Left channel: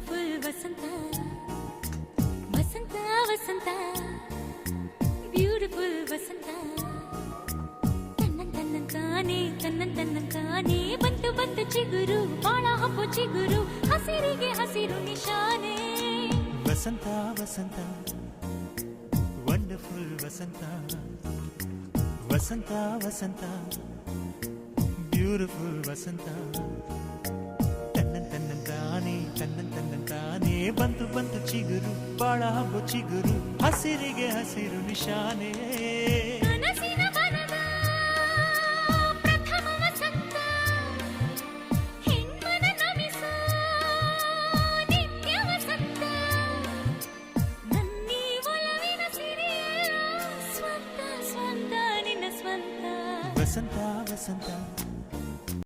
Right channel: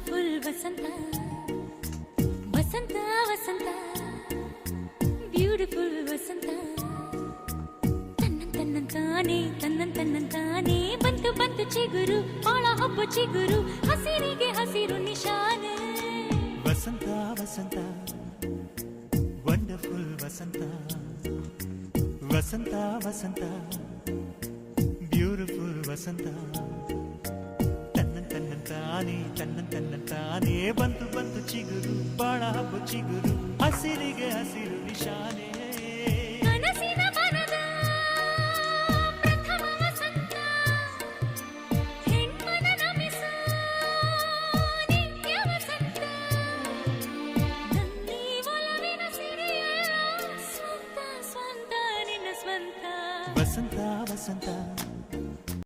beautiful ವಸಂತ ವಸಂತ ವಸಂತ beautiful ವಸಂತ ತನ್ನಂತಾನೆ ಬಂತು ಬಂತು ಚಿಗುರು ಒಣ ಹಬ್ಬ ಚಿಗುರು ಹಸಿರಿಗೆ ಹಸಿರು ನಿಶಾನೆ ವಸಂತ ವಸಂತ ವಂಡರ್ಫುಲ್ ವಸಂತ ವಸಂತ ವಸಂತ ಬ್ಯೂಟಿಫುಲ್ ವಸಂತ ತನ್ನಂತಾನೆ ಬಂತು ಬಂತು ಚಿಗುರು ಒಣ ಹಬ್ಬ ಚಿಗುರು ಹಸಿರಿಗೆ ಹಸಿರು ನಿಶಾನೆ ವಸಂತ ವಸಂತ